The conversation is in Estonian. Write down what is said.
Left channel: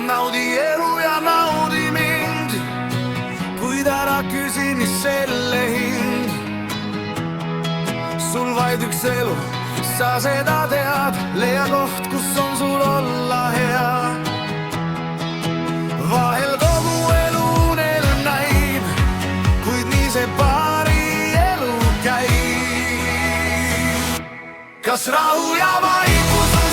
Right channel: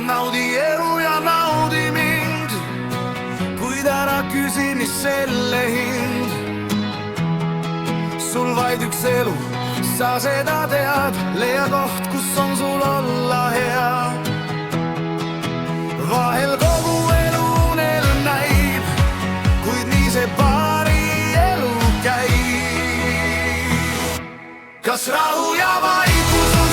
naudi elu ja naudi mind, kuid ära küsi, mis selle hind. Sul vaid üks elu, sa seda tead, leia koht, kus on sul olla hea. Vahel kogu elu unelm näib, kuid nii see paari elu käib. Kas rahu ja vaikus on